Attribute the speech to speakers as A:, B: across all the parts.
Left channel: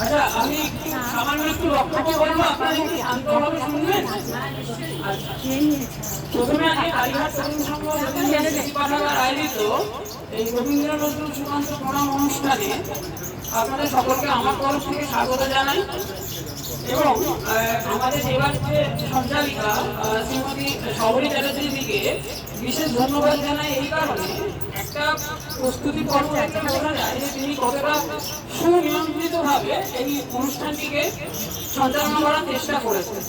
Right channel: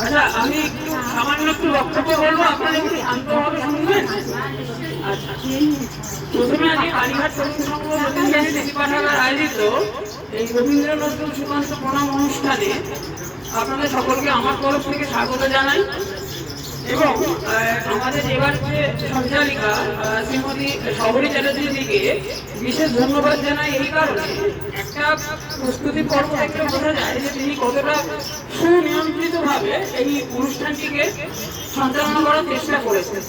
A: আচ্ছা আমি একটু সামান্য একটু বক্তব্য বলব আপনারা একটু শান্তভাবে শুনবেন? আচ্ছা। প্রথমে আমি কালীঘাট তরুণ সংঘ পাঠাগার আয়োজিত এই রবীন্দ্র নজরুল সুকান্ত প্রণাম অনুষ্ঠানে আপনাদের সকলকে আমার তরফ থেকে স্বাগত জানাই। এবং আমাদের এবার সঞ্চালিকা শ্রীমতী শবরী চ্যাটার্জির দিকে বিশেষ ধন্যবাদ জানাই এই কারণে। একটা প্রস্তুতি পর্ব থেকে বোঝা যায় যে তিনি কতটা সুনিয়ন্ত্রিতভাবে এই অনুষ্ঠানটিকে সঞ্চালনা করার চেষ্টা করেছেন।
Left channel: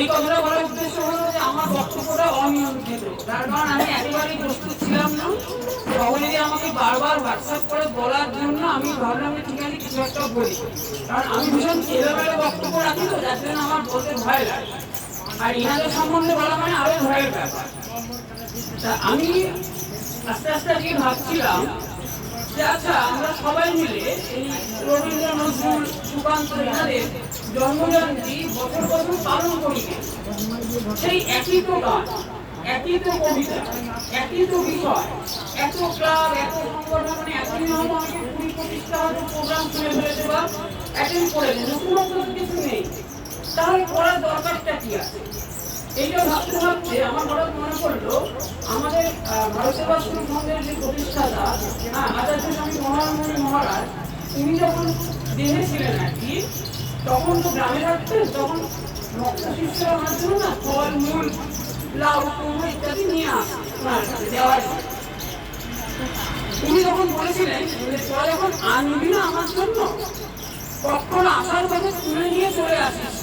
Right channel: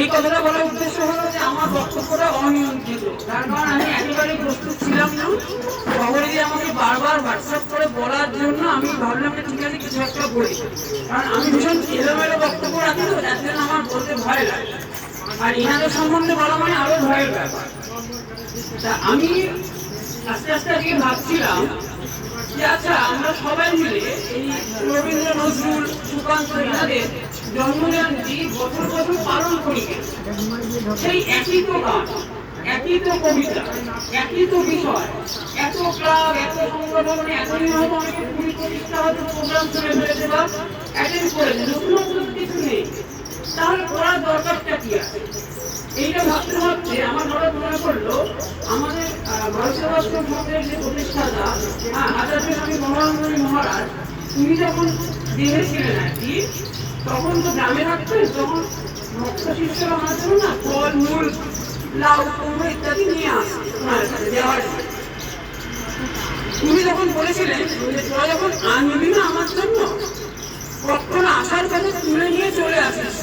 A: এই কথাটা বলার উদ্দেশ্য হলো যে আমার বক্তব্যটা অনিয়ন্ত্রিত। তার কারণ আমি একেবারেই প্রস্তুত ছিলাম না। খবরে দিয়ে আমাকে বারবার হোয়াটসঅ্যাপ করে বলার জন্য আমি ভাবলাম যে ঠিক আছে, কিছু একটা বলি। কারণ আমি ভীষণ এলোমেলো বক্তব্য রাখি তো, যার জন্য আমার বলতে ভয় লাগে। আর ইনাদের সম্বন্ধে বলা মানে আরও ভয়ের ব্যাপার। আমি আস্তে আস্তে আজকে ভাবছিলাম যে আচ্ছা আমরা সবাই মিলে এই রবীন্দ্র নজরুল, সুকান্ত জন্মজয়ন্তী বছর বছর পালন করি। সেই একই তো একই তো কবিতা একই এত এত করে কিছু নেই। দরকারটা আছে? এইটা ভাবতে ভাবতে আমার হঠাৎ মনে পড়ল তিনি যখন ছিলেন আর কি তখন তো গ্রামে থাকতেন তখন ভক্ত না ফল মূল লাউ কুমড়ো ইত্যাদি নিয়ে আসে দেওয়ার উনি যখন বলেছিলেন তোরা যখন আনবি না আমার জন্য, কখন আসার কথা তুলে নিয়ে চলে আসিস।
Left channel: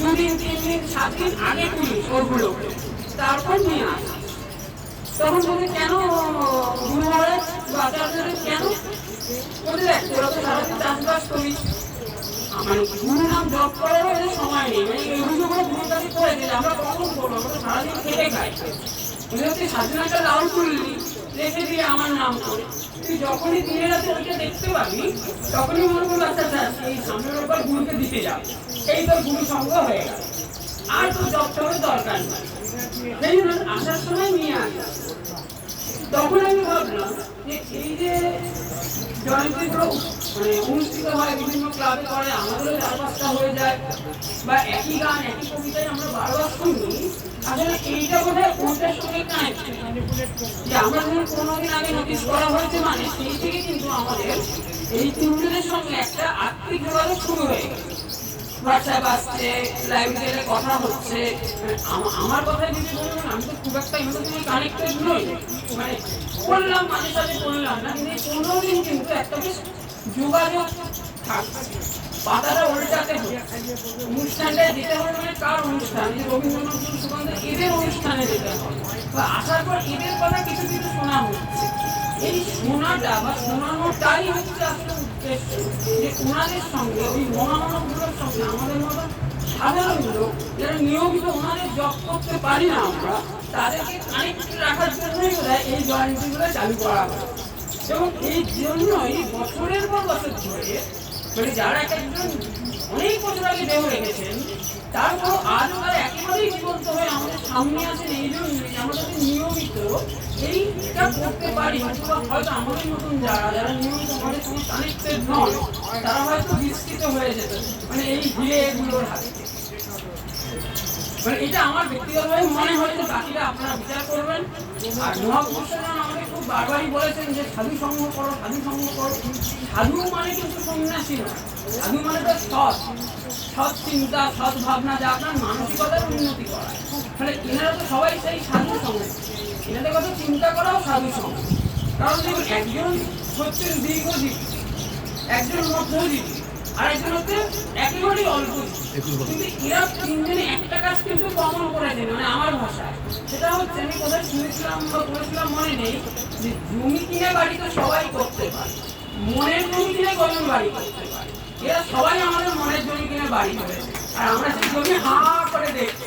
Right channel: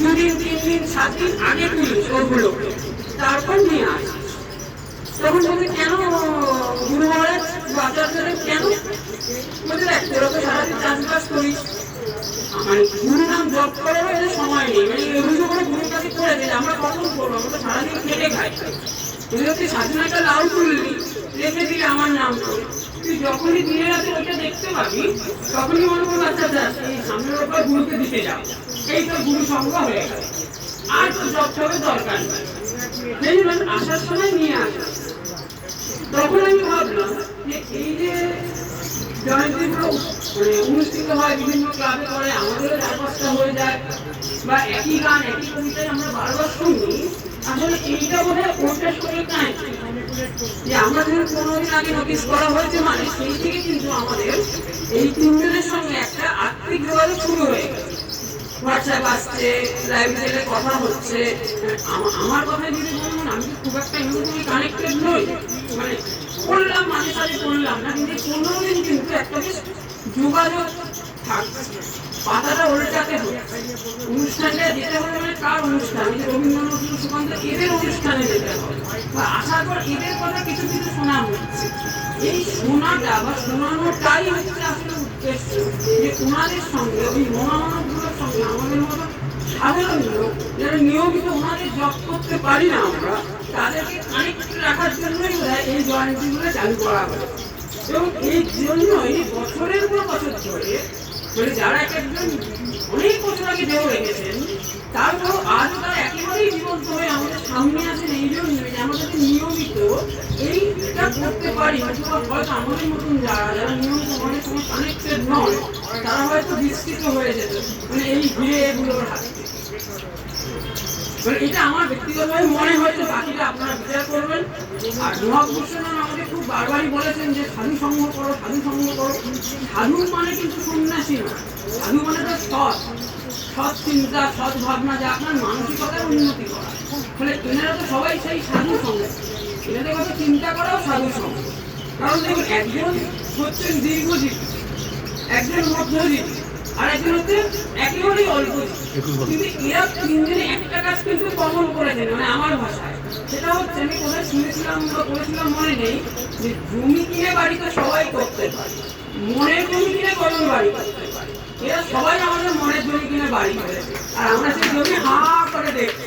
A: দুদিন, তিন দিন, সাত দিন আগে তুলিস ওগুলো। তারপর নিয়ে আসিস। তখন বলবে, কেন, গুরু মহারাজ বা কেন? ওদের এক তোরা তো সারাদিন চাষবাস করিস। মানে গুরু নাম জপ করারও এদের সময় নেই। মানে এই অভিযোগগুলো গুরুর কাছে করে দিলে আমরা কখন করব আমরা তো সারাদিন খেটে খাই। তুমি হচ্ছে স্বাধীন একটা লাউ তুললি রেখে দিয়ে আমার নাম করে তুই যখনই দিনের রাতে ওইটা দেখতে পাবি, তখনই মনে করব আচ্ছা আচ্ছা এই সামনের ব্যাপার গুরুকে দিতে যাও। এই তো গুরু সঙ্গ হয়ে গেল। আর তো জব দরকার নেই আসার সময় নিয়ে আসা। তখন আমি ভাবলাম যে এই যে জয়ন্তীগুলো মানে অনুষ্ঠিত হয়, বিভিন্ন ক্লাবে করে আমাদেরও চার হয়ে যায়, বা একই গান, একই কবিতায় আমরা বারবার শুনি হয় যে আমরা যখন দিন আগে নোটিশ করা হয়েছে মানে সেই থেকে কিন্তু আমাদের এই তিনজনের সঙ্গে একটা আর্থিক যোগাযোগ শুরু হয়ে গেছে। হোয়াটসঅ্যাপ আসছে লাইব্রেরিতে কথা হচ্ছে আমার কথা যদি বলবেন, আমি তো খুব একটা ইমোশনালি কানেক্টেড নই। মানে করলাম মাঝে সাথে করলাম না, কিন্তু এই পনেরো দিন কিন্তু একটা যোগাযোগ থাকছে। পাতাটা হচ্ছে অনুষ্ঠানটা যেতে হবে মানে কার অনুষ্ঠান? রবীন্দ্রনাথ সুকান্ত, এদের অনুষ্ঠানে যেতে হবে? আসার পর এদের কথা কিছু কিছু শোনা হচ্ছে এই শোনাটা বা শোনানোটাই হচ্ছে আসলে উদ্দেশ্য। যে ওনাদের সঙ্গে, ওই মহামানবগুলোর সঙ্গে সাধারণ লোক যারা নিয়মিত ওনাদের জব করতে পারি না আমরা, তাদেরকে কানেক্ট রাখার জন্যই এই জয়েন্টিগুলো চালু করা হয়। এবং এই জন্যই বছরের পর বছর ধরে মানে যারা এক একজন অনেক বছর আগে দেহ রেখেছেন তারপর আজ তারা একেবারেই জীবন্ত হয়ে আমাদের সামনে আছেন এই জন্য যে আমরা নিয়মিত এইটা করতে পারি, অথবা হয়তো আমাদের মতন যারা যারা নিয়মিত আমাদের সঙ্গে কানেক্টেড নয় তারা হয়তো বিস্তৃত হয়ে যেত। মানে এই ভিড়ে এগুলোর হাতে এটা আমার ব্যক্তিগতভাবে মনে হয়েছে বাকিটা আপনারা বিচার করবেন। আর মহাপুরুষরা আমাকে খুব বারবারই বলেছেন যে সাধু সঙ্গ করো, সাধু সঙ্গ করো। সাধু মানে কিন্তু সন্ন্যাসী না সাধু মানে তো সৎ। সৎ চিন্তা, সৎ ভাবনা, যা আপনার মানসিকতার উন্নতি করা। ফলে এনারা তো সবাই সেই সাধু সঙ্গ এনাদের কথা চিন্তা করাও সাধু সঙ্গ কারণ দেখুন, একজন হচ্ছেন দীর্ঘজীবী, একজন মধ্যজীবী। হচ্ছে একেবারেই অল্প। কিন্তু এরা তিনজনে একটা কাজ কিন্তু কমন করে মানে আমার ভাষায়। সেটা হচ্ছে আমি কোথায় শুনেছিলাম বা করেছিলাম মনে নেই যে জমি কিনে বাড়ি তো সবাই করতে পারে মনের জমি কিনে কজন বাড়ি করতে পারে? এরা সবাই আমাদের মনের জমি কিনে বাড়ি করে আর আমরা সেই জমি হা করে দেখছি।